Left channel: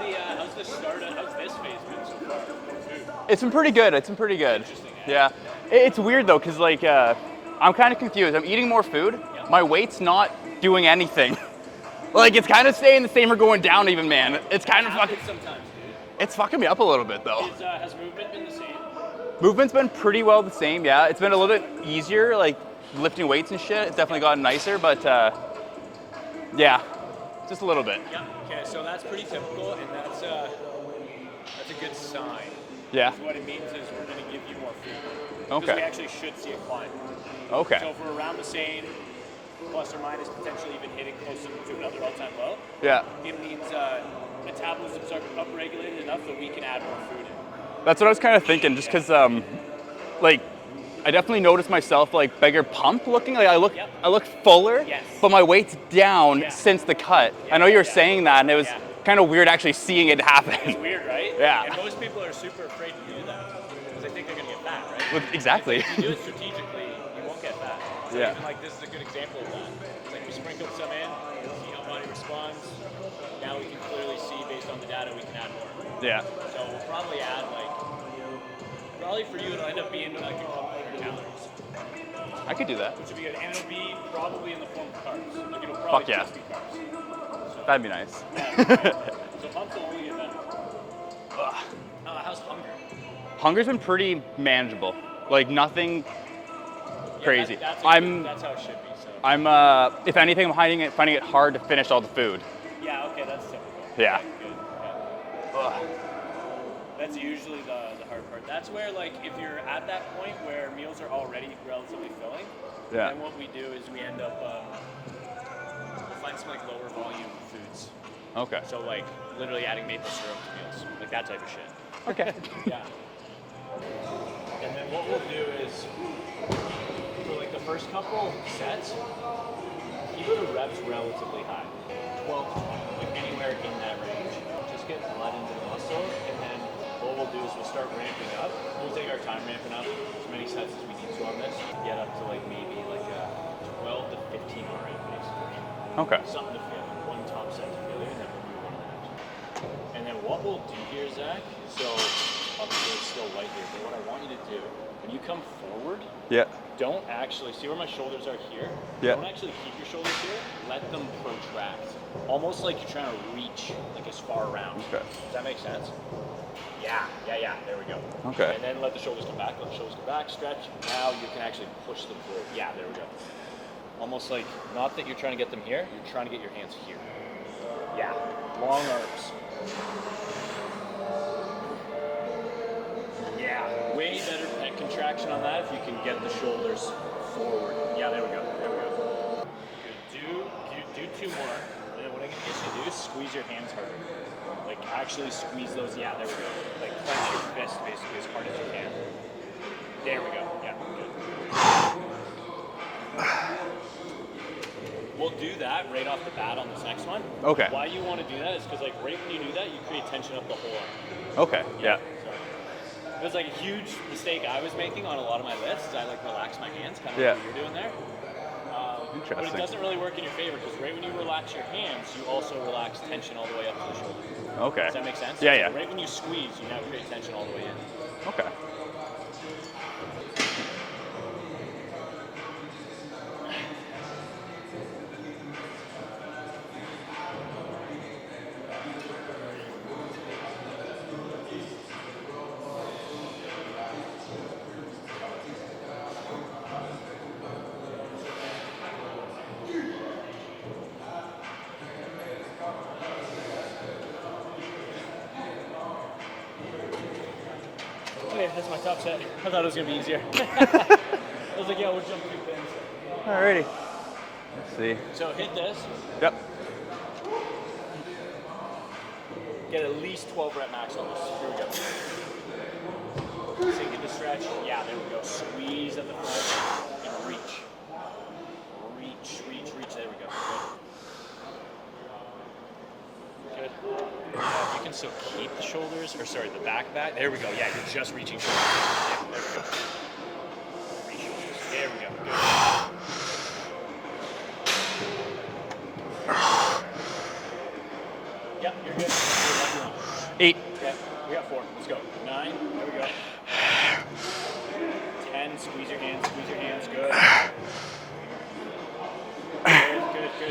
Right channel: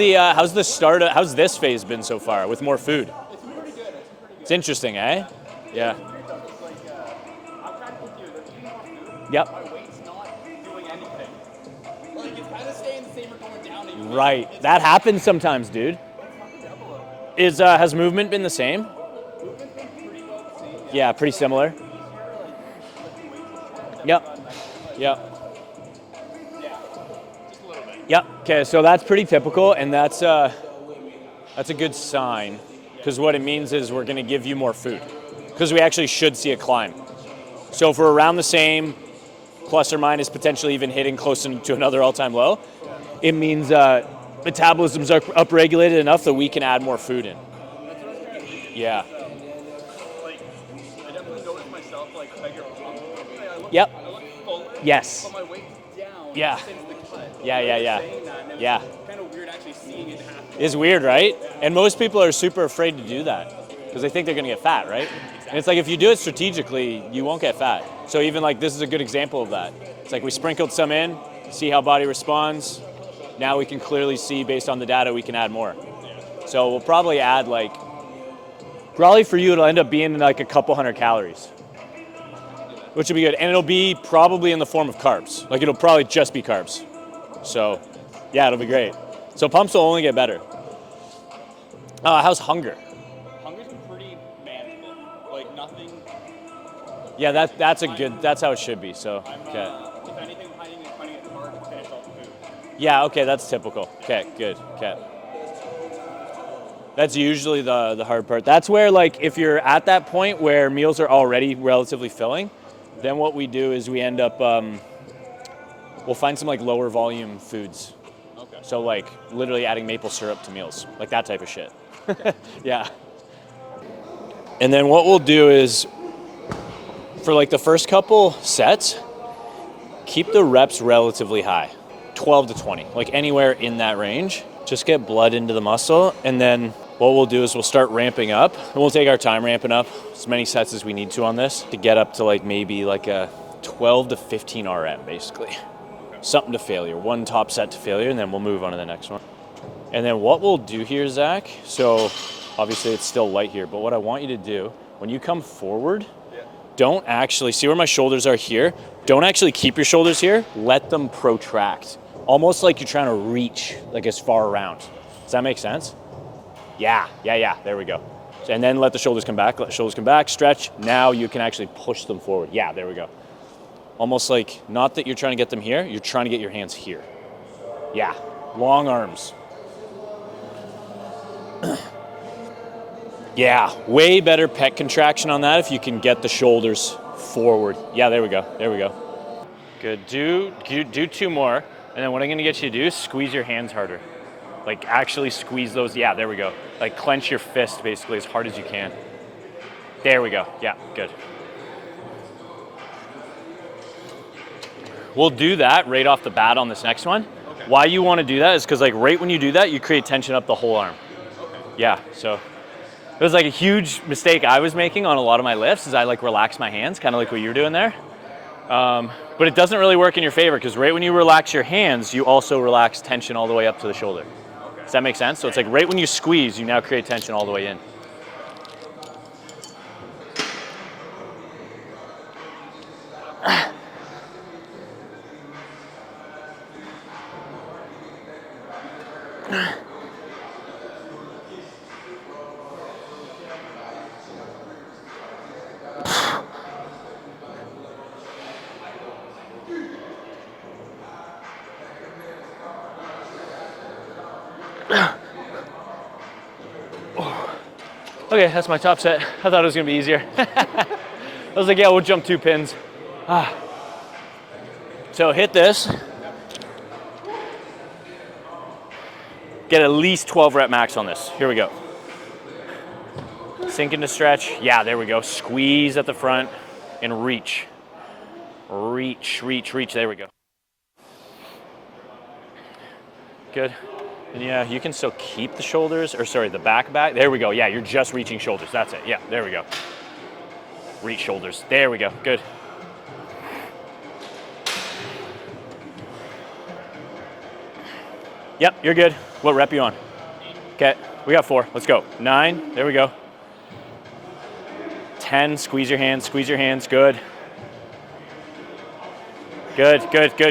how's this phase been so far with more food? It's been pretty good. It's interesting, eh? Yeah. Yeah. It's weird though, because like I'm kind of confused. I'm eating more food. Yep. My weight's not doing anything. Like it's kind of staying the same or going down even, man. Right. It's that happens sometimes, dude. It's fucking me up a little bit though. Has movement been the same? Movement's been pretty well the same, yeah. Yeah, It's been a pretty little similar. bit easier, like lifting weights and shit. It's definitely gotten nicer, but yeah, just a little bit. Yep. Okay, so that's pretty typical, and that's a good sign. Yeah. Because what it means is we're going to give you more food. Because Okay. we actually should see a climb. Okay. So if we're around the same, plus or minus potentially even hitting close to another all-time low, yeah, it means metabolism's upregulated enough that we can add more food in. that's what I was kind of thinking, just because like I definitely noticed myself like bigger pump looking. Like I look fuller. Yes. But my weight's down since the cut. Yeah, I know you were saying that, and it was kind of weird actually seeing it happen. It's weird, right? Yeah. And most people are super afraid to do that because they think they're going to get fat, right? Exactly. And it's like if you do it strategically, you won't get fat. So even like this is a good example of that. It's like we sprinkled some in, see how body responds. Now we can clearly see based on the data we can add more. Yeah. So we'll probably add probably for you it'll end up being like a couple hundred calories. I could do that. Which would be good. And it'll be probably in the form of carbs. Like it'll probably just be carbs. So that'd be nice. Yeah, it'll be great. So pumps will only get better. How's hunger? Hunger's been pretty manageable. Like nothing. Yeah, crazy. That's how it should be. So I'm if anything, I'm finding it hard to finish all the food. Yeah, okay, that's typical. Yeah. Okay, good. Okay. That's usually the hard part. That's where if you're at that point where meals are already relatively filling, then what we do is we end up we'll find some lower volume foods. Okay. So literally adding maple syrup to meals, like that type of shit. Okay. Yeah. And then what we'll do is for the first couple sets, keep the reps relatively high, 12 to 20, anywhere in that range. Just get blood into the muscle, and then what we'll do is we'll start ramping up, and we'll take our time ramping up as many sets as we need to on this to get up to maybe a 12 to 15 RM basically. Okay. Something to failure, one top set to failure, and then we'll move on to the next one. And then what we'll do here, Zach, so obviously it's still light here, but what I want you to do, when you come forward, don't actually, see where my shoulders are here? Don't actually keep your shoulders here, let them protract. Almost like you're trying to reach as far around. Okay. Does that make sense? Yeah, there we go. Okay. So, and then let the shoulders come back, stretch. Now you can actually push them forward. Yeah, there we go. Almost not that you're trying to get them here, you're trying to get your hands here. Yeah, long arms. Yeah, way better pec contraction on that if you can get the shoulders forward. Yeah, there we go. Good, do 2 more. And then what I'm gonna get you to do is squeeze your hands harder. Actually squeeze those, yeah, there we go. Clench your fist basically as hard as you can. There we go, yeah, good. We'll do that right off the bat on this next one. Okay. Why you wanna do that is because right when you do that, you create tension up the whole arm. Okay. Yeah, so it was a huge mistake I was making on a lot of my lifts is I relax my hands, kind of what you're doing there. But it doesn't really work in your favor because right when you relax your hands, you also relax tension all the way up to the shoulder. Okay. Does that make sense? So it's right when you squeeze, you now create tension all the way in. Okay. Okay, that's my top set. I thought it was gonna be easier. I was like, yeah, we'll jump 2 pins. Alrighty. Let's see. So hit this. Yep. Get at least 12 rep max on this. Here we go. Sink into stretch. Yeah, there we go. Squeeze at the front and reach. Reach. There we go. Good. And yeah, you can still keep the shoulders, the back. There we go. Yeah, you're just reaching shoulders. That's it. Yeah, there we go. Reach shoulders. There we go. Good. Yep, you're good. What rep you on? 8. Okay, we got 4. Let's go. 9. There we go. 10. Squeeze your hands. Good. Good.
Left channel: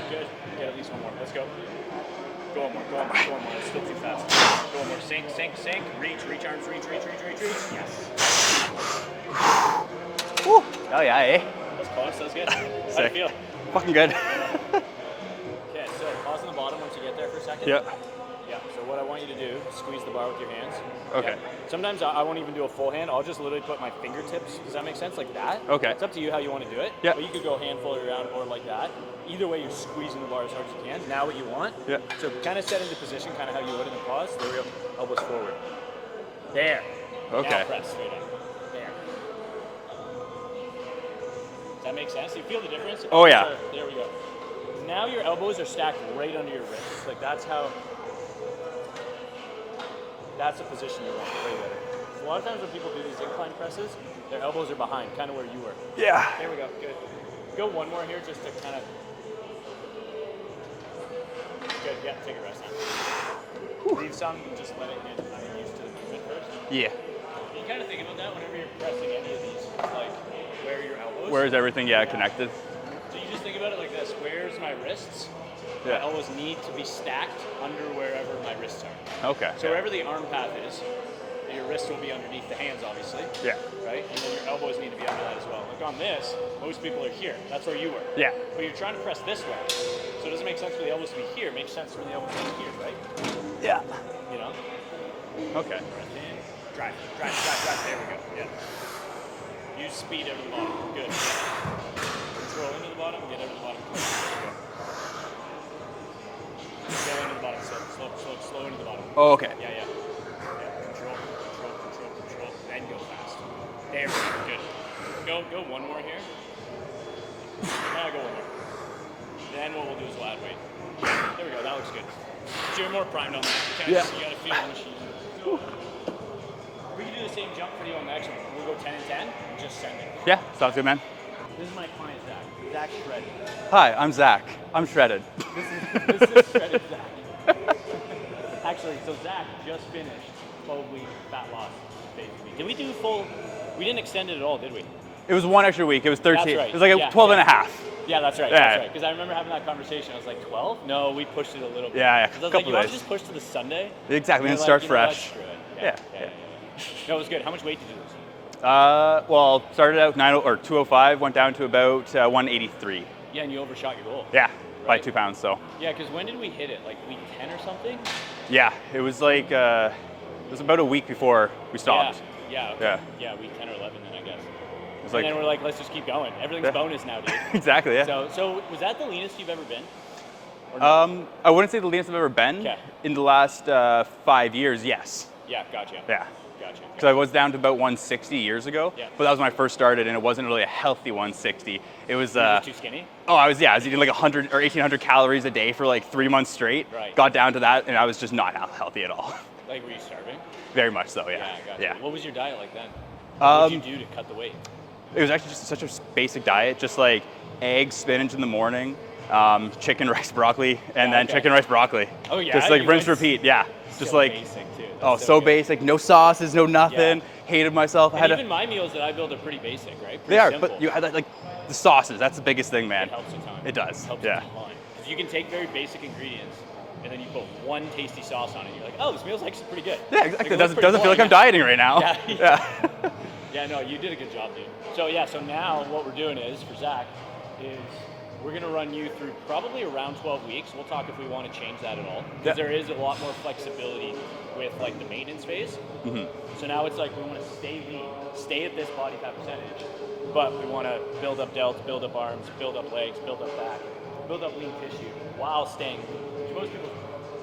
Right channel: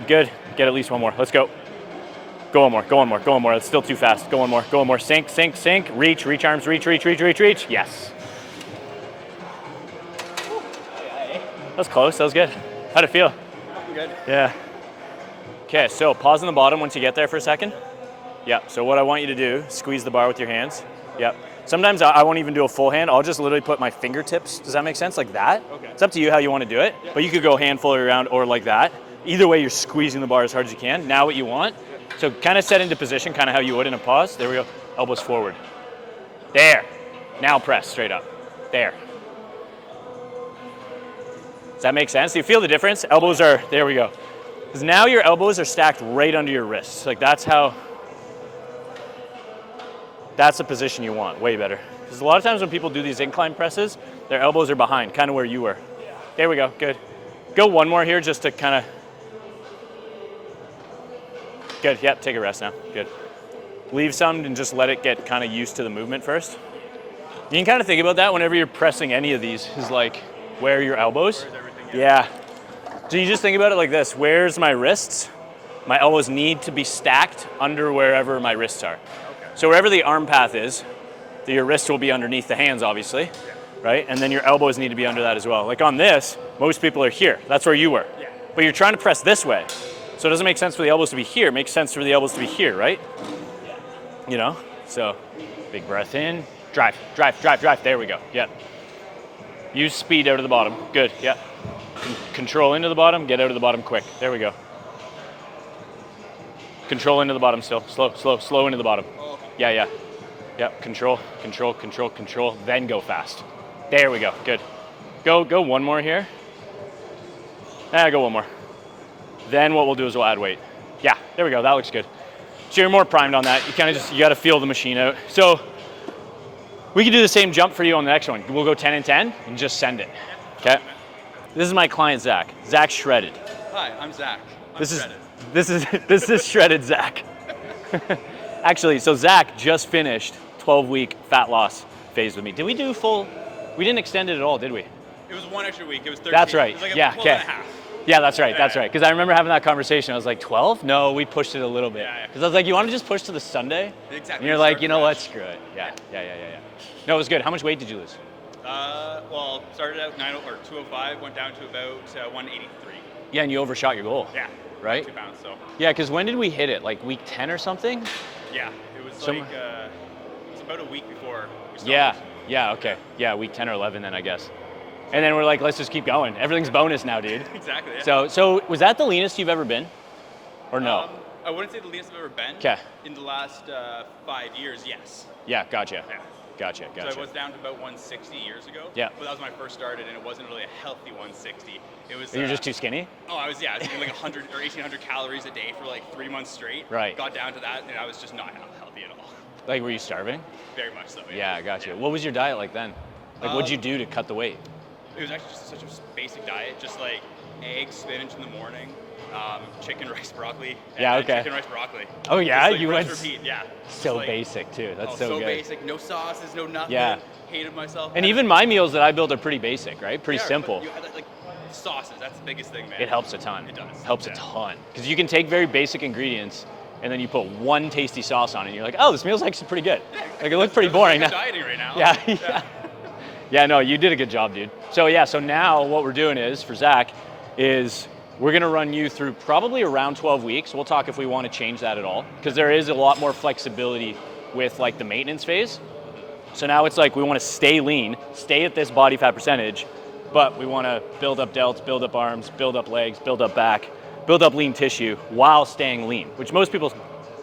Get at least one more. Let's go. Go one more. It's still too fast. Go one more. Sink. Reach arms. Reach. Yes. Woo. Oh yeah, eh? That was close. That was good. How'd it feel? Fucking good. Yeah. Okay, so pause on the bottom once you get there for a second. Yeah, so what I want you to do, squeeze the bar with your hands. Okay. Yeah. Sometimes I won't even do a full hand. I'll just literally put my fingertips. Does that make sense? Like that? Okay. It's up to you how you want to do it. Yeah. But you could go handful around or like that. Either way, you're squeezing the bar as hard as you can. Now what you want. Yeah. So kind of set into position, kind of how you would in a pause. There we go. Elbows forward. There. Okay. Now press straight up. There. Does that make sense? Do you feel the difference? Elbows are, there we go. Because now your elbows are stacked right under your wrists. Like that's the position you want, way better. Because a lot of times when people do these incline presses, their elbows are behind, kind of where you were. Yeah. There we go, good. Go one more here just to kind of, good, yep, take a rest now, good. Leave some and just let it get kind of used to the movement first. Yeah. You can kind of think about that whenever you're pressing any of these, is like, where are your elbows? Where's everything, connected? So you just think about it like this, where's my wrists? My elbows need to be stacked under wherever my wrists are. Okay. So wherever the arm path is, your wrist will be underneath the hands, obviously. Yeah. Right? And then your elbows need to be under that as well. Like on this, most people are here. That's where you were. Yeah. But you're trying to press this way. So it doesn't make sense for the elbows to be here. It makes sense for the elbows to be here, right? Yeah. You know? So, okay. Big breath in. Drive. There we go. Yeah. Use speed out of the bottom. Good. Yeah. Control into the bottom. Get out of the bottom quick. There we go. Control into the bottom still. Slow into the bottom. Oh, okay. Yeah. Control. Then go fast. There we go. Good. Go one more here. Go one more. Then what we'll do is we'll add weight. Yeah, there we go. That looks good. So you're more primed on that. You kind of you got to feel the machine out. So we can do the same jump for you on the next one. We'll go 10 and 10 and just send it. Yeah, sounds good, man. This is my client, Zach. Zach Shredded. Hi, I'm Zach. I'm Shredded. This is Shredded Zach. Actually, so Zach just finished 12-week fat loss phase with me. Did we do full? We didn't extend it at all, did we? It was one extra week. It was 13. That's right. It was like 12 and a half. Yeah, that's right. Because I remember having that conversation. I was like, 12? No, we pushed it a little bit. Yeah. Because I was like, you want to just push to the Sunday? Exactly. And you're like, you know what? Screw it. Yeah. No, it was good. How much weight did you lose? Well, started out 205, went down to about 183. Yeah, and you overshot your goal. Yeah, right? By 2 pounds. So. Yeah, because when did we hit it? Like week 10 or something? Yeah, it was it was about a week before we stopped. Yeah. Okay. Yeah, week 10 or 11 then I guess. And then we're like, let's just keep going. Everything's bonus now, dude. Exactly. Yeah. So was that the leanest you've ever been? Or no? I wouldn't say the leanest I've ever been. Okay. In the last 5 years, yes. Yeah, gotcha. Yeah. Gotcha. So I was down to about 160 years ago. Yeah. But that was when I first started, and it wasn't really a healthy 160. It was. You were just too skinny? Oh, I was eating like 100 or 1,800 calories a day for like 3 months straight. Right. Got down to that, and I was just not healthy at all. Like, were you starving? Very much so, yeah. Yeah, gotcha. Yeah. What was your diet like then? Like, what did you do to cut the weight? It was actually just such a basic diet, just like eggs, spinach in the morning, chicken, rice, broccoli, and then chicken, rice, broccoli. Oh yeah? Just like rinse, repeat, yeah. Just so like basic too. That's so basic, no sauces, no nothing. Yeah. Hated myself. And even my meals that I build are pretty basic, right? Pretty simple. But you add like the sauces, that's the biggest thing, man. It helps a ton. It does. Helps a ton. Because you can take very basic ingredients and then you put one tasty sauce on it and you're like, oh, this meal's actually pretty good. Yeah, exactly. Like, it looks pretty boring. Like I'm dieting right now. Yeah. Yeah, no, you did a good job, dude. So now what we're doing is, for Zach, is we're gonna run you through probably around 12 weeks. We'll talk if we want to change that at all, because there is a lot more flexibility with like the maintenance phase. Mm-hmm. So now it's like we want to stay lean, stay at this body fat percentage, but we want to build up delts, build up arms, build up legs, build up back, build up lean tissue while staying lean, which most people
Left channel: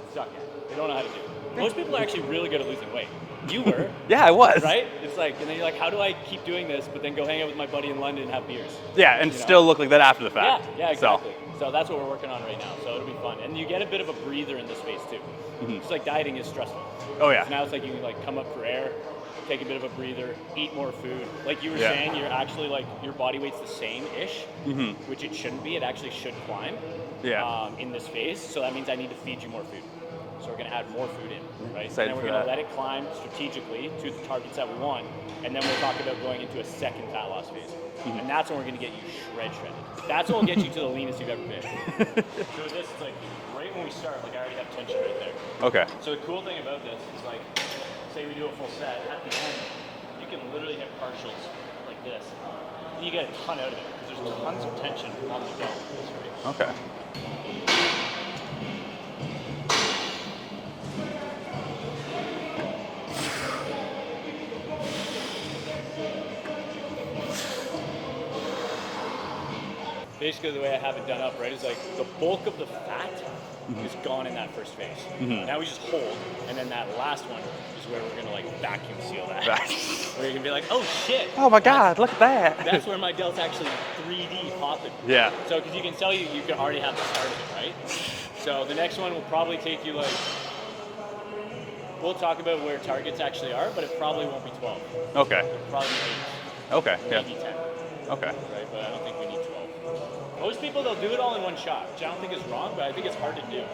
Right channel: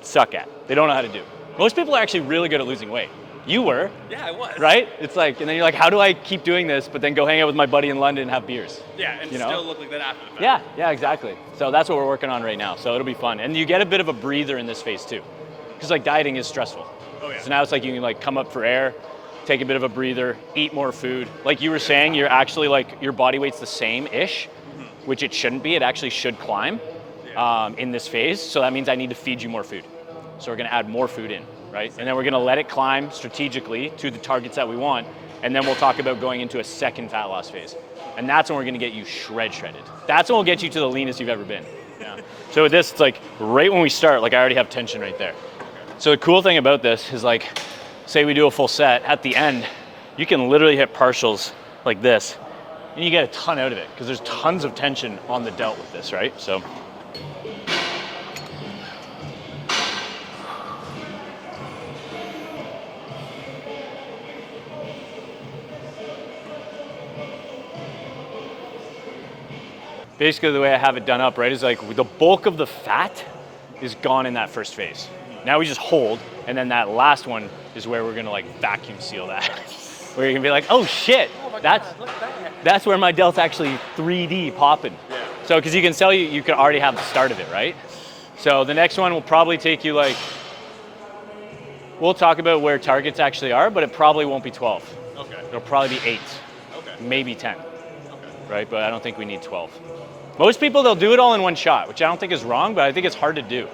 suck at. They don't know how to do. Most people are actually really good at losing weight. You were. Yeah, I was. Right? It's like, and then you're like, how do I keep doing this, but then go hang out with my buddy in London and have beers? Yeah, and still look like that after the fact. Yeah, exactly. So that's what we're working on right now. So it'll be fun. And you get a bit of a breather in this phase too. Because like dieting is stressful. Oh yeah. So now it's like you can like come up for air, take a bit of a breather, eat more food. Like you were saying, you're actually like, your body weight's the same-ish, which it shouldn't be. It actually should climb in this phase. So that means I need to feed you more food. So we're gonna add more food in, right? And then we're gonna let it climb strategically to the targets that we want. And then we'll talk about going into a second fat loss phase. And that's when we're gonna get you shredded. That's when we'll get you to the leanest you've ever been. Yeah. So with this, it's like right when we start, like I already have tension right there. Okay. So the cool thing about this is like, say we do a full set, at the end, you can literally hit partials like this, and you get a ton out of it, because there's tons of tension on the delt with this, right? So. Okay. Basically the way I have it done up, right, is like the bulk of the fat is gone in that first phase. Now we just hold, and then that last one is where we're gonna like vacuum seal that. Where you're gonna be like, oh shit. Oh my God, look at that. That's where my delt's actually 3D popping. Yeah. So, because you can tell you can already have the start of it, right? So the next one will probably take you like, we'll talk about where targets actually are, but it probably won't be 12. Okay. It'll probably be 8. Okay. Maybe 10. Okay. Right, but I don't think we need 12. Most people, they'll do it all in one shot, which I don't think is wrong, but I think it's hard to do.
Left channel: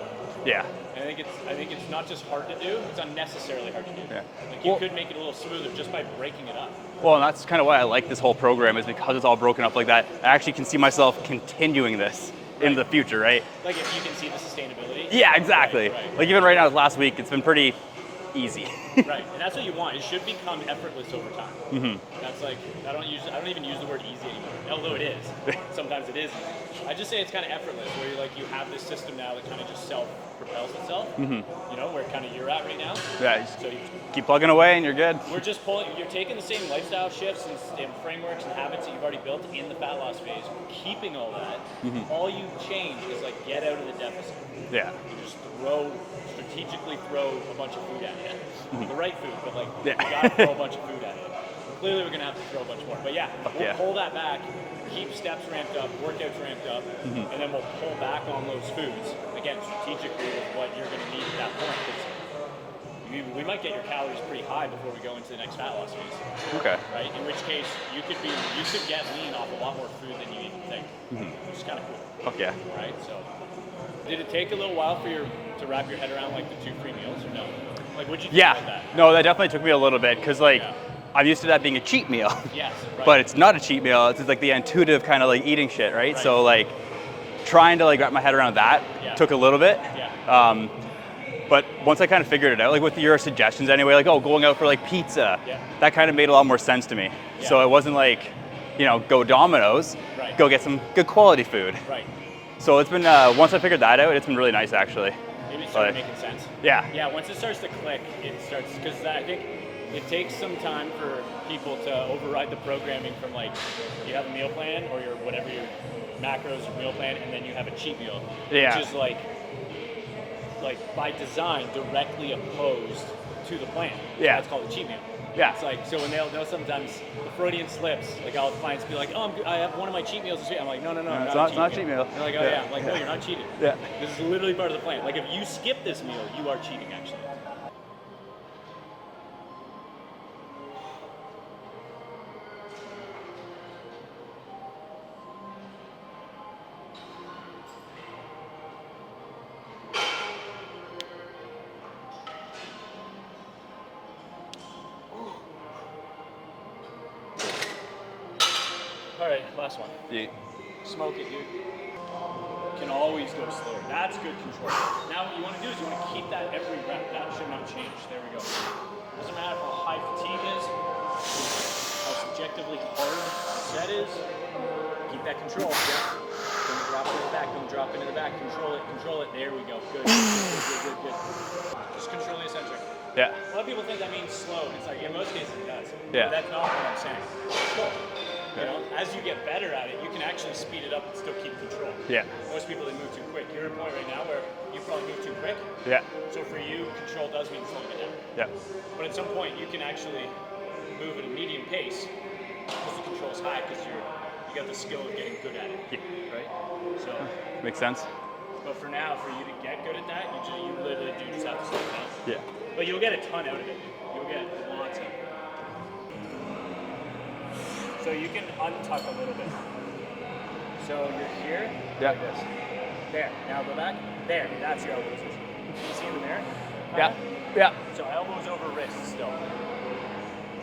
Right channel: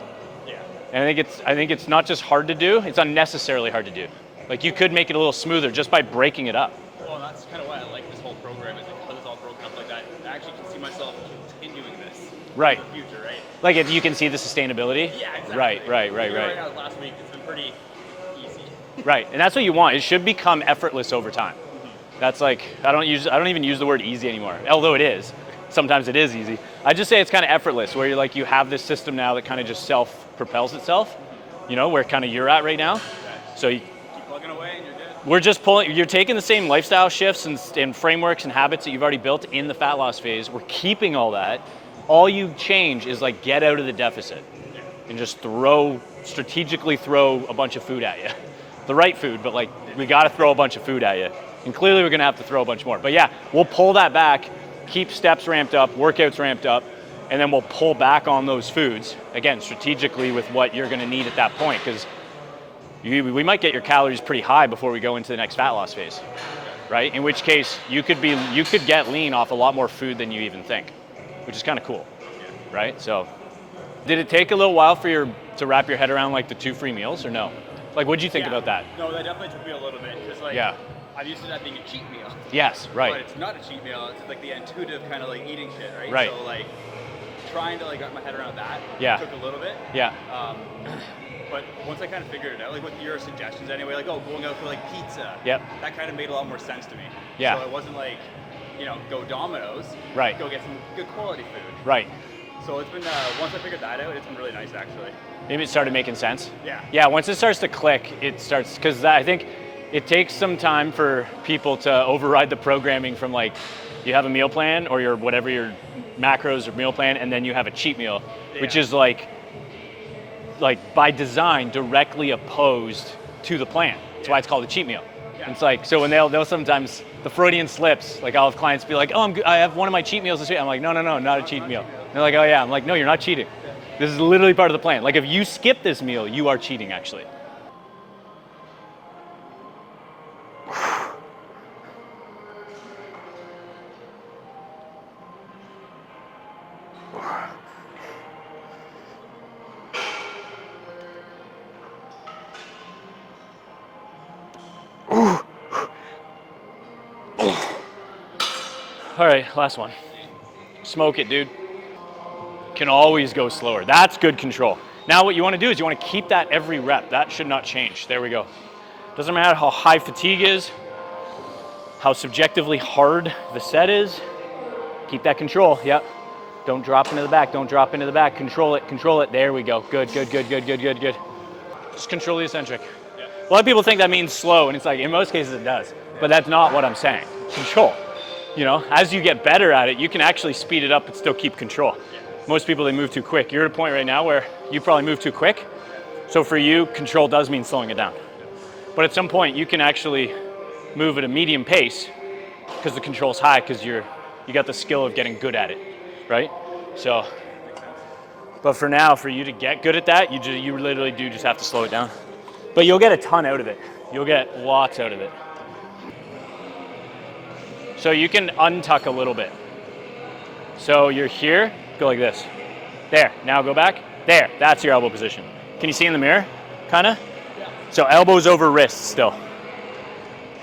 Yeah. And I think it's not just hard to do, it's unnecessarily hard to do. Yeah. Like you could make it a little smoother just by breaking it up. Well, and that's kind of why I like this whole program, is because it's all broken up like that. I actually can see myself continuing this in the future, right? Like if you can see the sustainability? Yeah, exactly. Right. Like even right now, last week, it's been pretty easy. Right, and that's what you want. It should become effortless over time. That's like, I don't even use the word easy anymore, although it is. Sometimes it is easy. I just say it's kind of effortless, where you're like, you have this system now that kind of just self-propels itself, you know, where kind of you're at right now. Yeah. So you keep plugging away and you're good. We're just you're taking the same lifestyle shifts and frameworks and habits that you've already built in the fat loss phase. We're keeping all that. All you change is like get out of the deficit. Yeah. And just strategically throw a bunch of food at you. The right food, but like we got to throw a bunch of food at you. And clearly we're going to have to throw a bunch more. But yeah, we'll pull that back, keep steps ramped up, workouts ramped up, and then we'll pull back on those foods, again, strategically with what you're going to need at that point, because we might get your calories pretty high before we go into the next fat loss phase. Okay. Right? In which case you could get lean off a lot more food than you even think, which is kind of cool. Okay. Right? So did it take a little while for to wrap your head around like the 2 free meals or no? Like, what'd you think about that? No, that definitely took me a little bit, because like, I'm used to that being a cheat meal. Yes, right. But it's not a cheat meal. It's like the intuitive kind of like eating shit, right? So like, trying to like wrap my head around that took a little bit. Yeah. But once I kind of figured it out, like with your suggestions anyway, like, going out for like pizza, that kind of made a lot more sense to me. Yeah. So it wasn't like, go Domino's, go get some good quality food. Right. So it's been, once I figured that out, it's been really nice actually. Maybe it started making sense? Yeah. Yeah, once it starts to click, because I think it takes some time for people to override the programming from like, you have a meal plan or your macros or meal plan, and then you have a cheat meal, which is like by design directly opposed to the plan. That's why it's called a cheat meal. Yeah. It's like, so when they'll sometimes, the Freudian slips, like I'll have clients be like, I have one of my cheat meals this week. I'm like, no, not a cheat meal. They're like, oh yeah. I'm like, no, you're not cheating. Yeah. This is literally part of the plan. Like if you skip this meal, you are cheating actually. All right, last one. Smoke it, dude. Can always go slower. That's good control. Now what you want to do is you want to keep that every rep. That should not change. There we go. Doesn't matter how high fatigue is, how subjectively hard the set is. Keep that control. Yep. Don't drop into the back. Don't drop into the back. Control it. Control it. There we go. Good. Just control the eccentric. Yeah. A lot of people think that means slow, and it's like, in most cases it does. Yeah. But that's not what I'm saying. Control. As you get better at it, you can actually speed it up and still keep control. Yeah. Most people, they move too quick. You're at a point right now where you probably move too quick. Yeah. So for you, control does mean slowing it down. Yeah. But at some point, you can actually move at a medium pace because the control's high, because you got the skill of getting good at it, right? So makes sense. But for now, for you to get good at that, you literally do just have to slow it down. Yeah. But you'll get a ton out of it. You'll get lots out of it. So you can untuck a little bit. So you're here, go like this. There, now go back. There, that's your elbow position. Can you see in the mirror? Kinda? Yeah. So elbows over wrists still.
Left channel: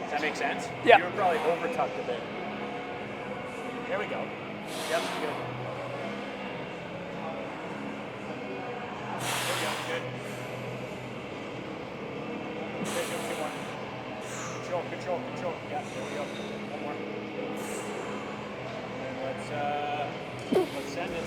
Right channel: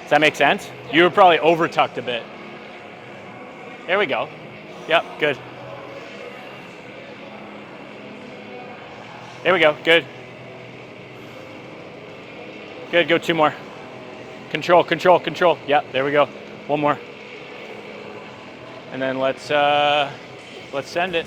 Does that make sense? Yeah. You were probably over tucked a bit. There we go. Yep, good. There we go, good. Good, go 2 more. Control, control, control. Yep, there we go. 1 more. And then let's send it.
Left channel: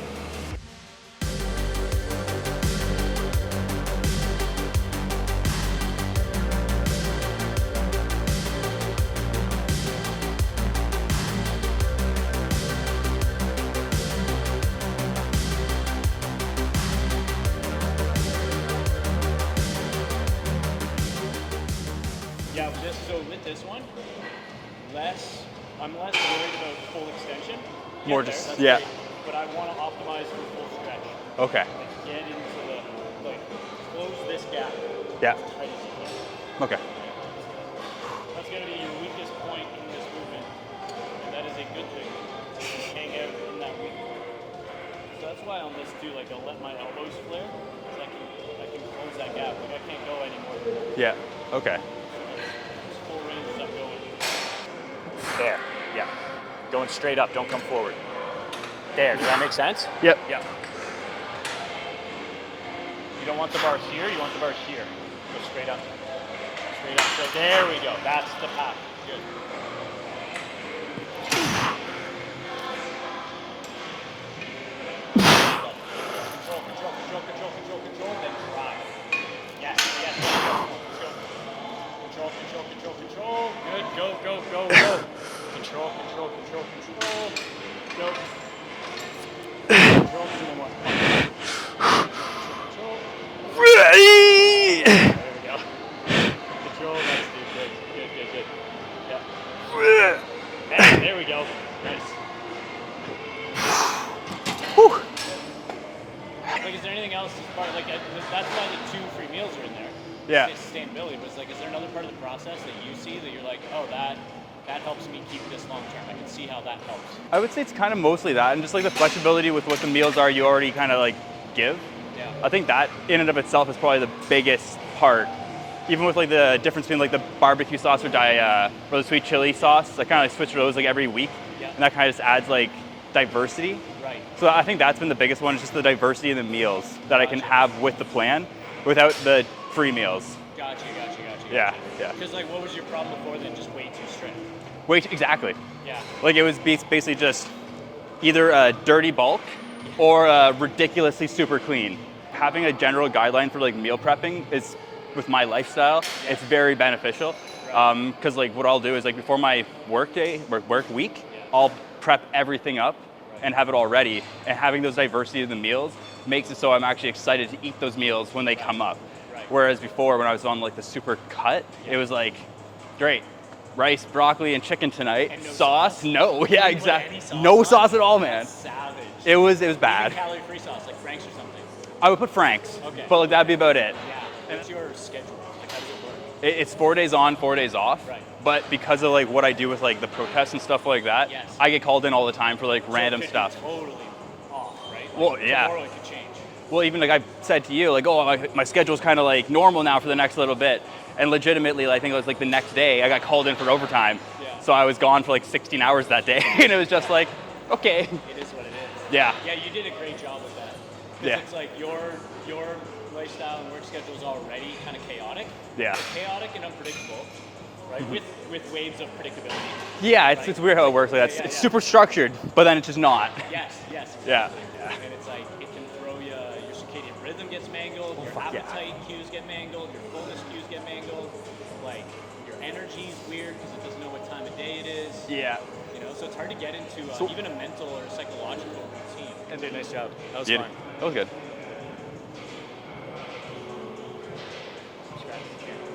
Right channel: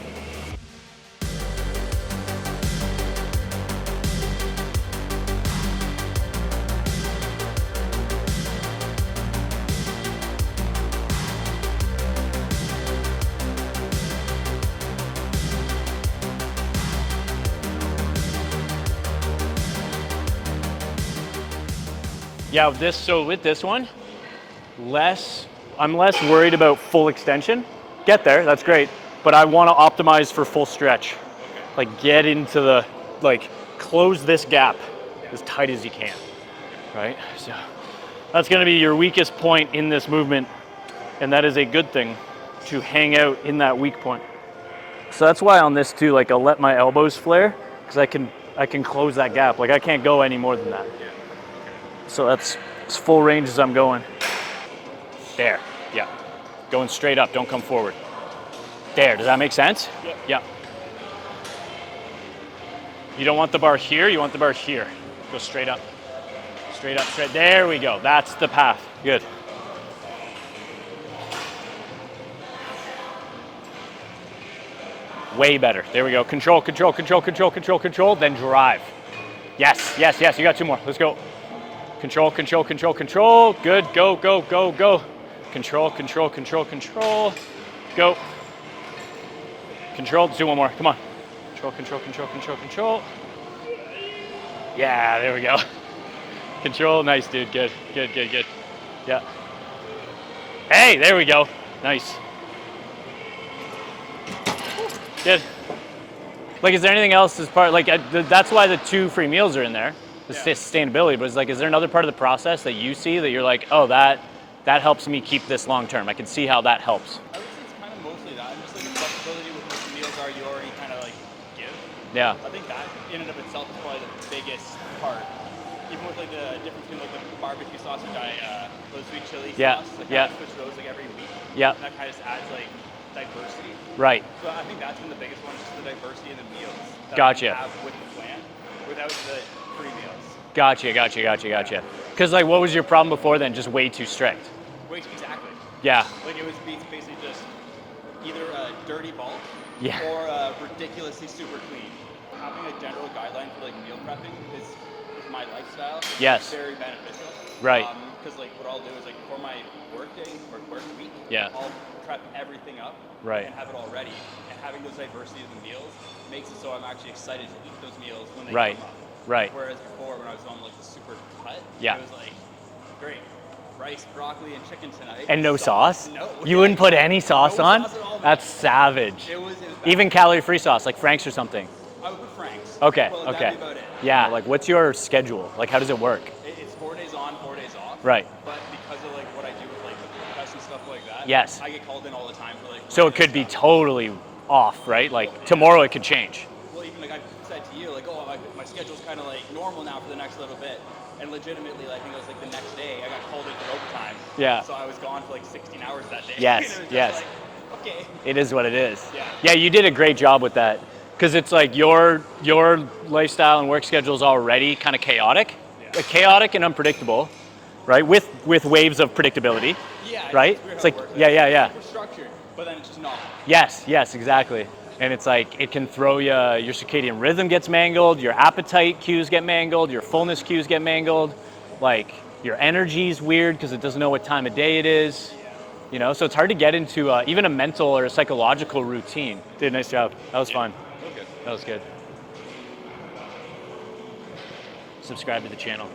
Yeah, with this one, I'm less worried about full extension. Get there, that's great. But I want to optimize for full stretch. Okay. Like get into the, close this gap as tight as you can. Okay. Right? So that's going to be your weakest point in this movement. And that is a good thing to hang out in that weak point. So that's why on this too, I'll let my elbows flare because I can close that gap. I can't go any more than that. Yeah. Okay. So that's as full range as I'm going. There, yeah. Going straight up, don't come forward. There, does that make sense? Yep. Yeah. You don't want the bar here, you want the bar here. Go straight up. Straight up, straight. There we go, that's the path. Good. Way better. There we go. Control, control, control, control, control, control, then drive. Yes, yes, yes, you got 2 more. Let's go. Control, control, control, control. Good, go, go, go, go. Control, control, control, control. Go. Control, let's do 1 more. Come on. Control, control, control, control, control. Yeah, there we go. Control, nice, dude. Good, good, good, good. Yeah. Hey, there we go. Nice. Whew, good. Is there anything else as part, that's why the 2 free meals are in there. Sustainability, but is there another part of the process that you see that you're like, oh, that helps me keep this long term? I can see how that helps. I would say it's kind of mostly that, and just the flexibility with what the meals are you already kind of give. Yeah. I think that in and of itself is probably the biggest part. Even with the difference between the barbecue sauce or the sweet chili sauce, I kind of switch to those every week. Yeah. And that kind of just adds diversity. Right. So I think that's been the biggest one, is just the diversity in the meals that I can have with the plan without the free meals. Gotcha, gotcha, gotcha, gotcha. Because what was your problem before then? Just way too strict. Exactly. Yeah. It was basically just either a dirty bulk or ridiculously super clean. Having a general guideline for meal prepping is, with my lifestyle, it's very beneficial. Right. Because what I'll do is before my work day or work week, I'll prep everything up and have it all ready. And having those diversity of the meals makes it so I'm actually excited to eat those meals when they come up. Right. Whereas before, when I was on the super cut, it was great, rice, broccoli, and chicken tonight. And no sauce? No. You wouldn't put any sauce on? No sauce at all, man. That's savage. It was bad. Even calorie-free sauce, like Frank's or something? I would put Frank's. Okay. But that'd be about it. Yeah. What's your schedule? How does it work? It's 4 days on, 4 days off. Right. But because of what I do with the protests and stuff like that, I get called in all the time for random stuff. So it could be totally off, right? Tomorrow it could change. Well, even I said to you, my schedule's kind of normal now for the next little bit. And legitimately, I think it was the next day, I got called in for overtime. Yeah. So I was gone for 16 hours that day. Yes. And it was just okay. It is what it is. Yeah. Yeah, you did a great job with that. Because it's your lifestyle and work schedule is already kind of chaotic. Yeah. Chaotic and unpredictable, right? With waves of predictability. Yeah, right? It's weird how it works. It's super structured, but then it's just not. Yes, exactly. Yeah. And it's it can throw you, your circadian rhythm gets mangled, your appetite cues get mangled, your fullness cues get mangled, your energy's weird because it doesn't know what time of day it is. Yeah. So it's hard to get into even a mental or a psychological routine. Dude, nice job. That was fun. That was good. That was good. Subscribe to the channel.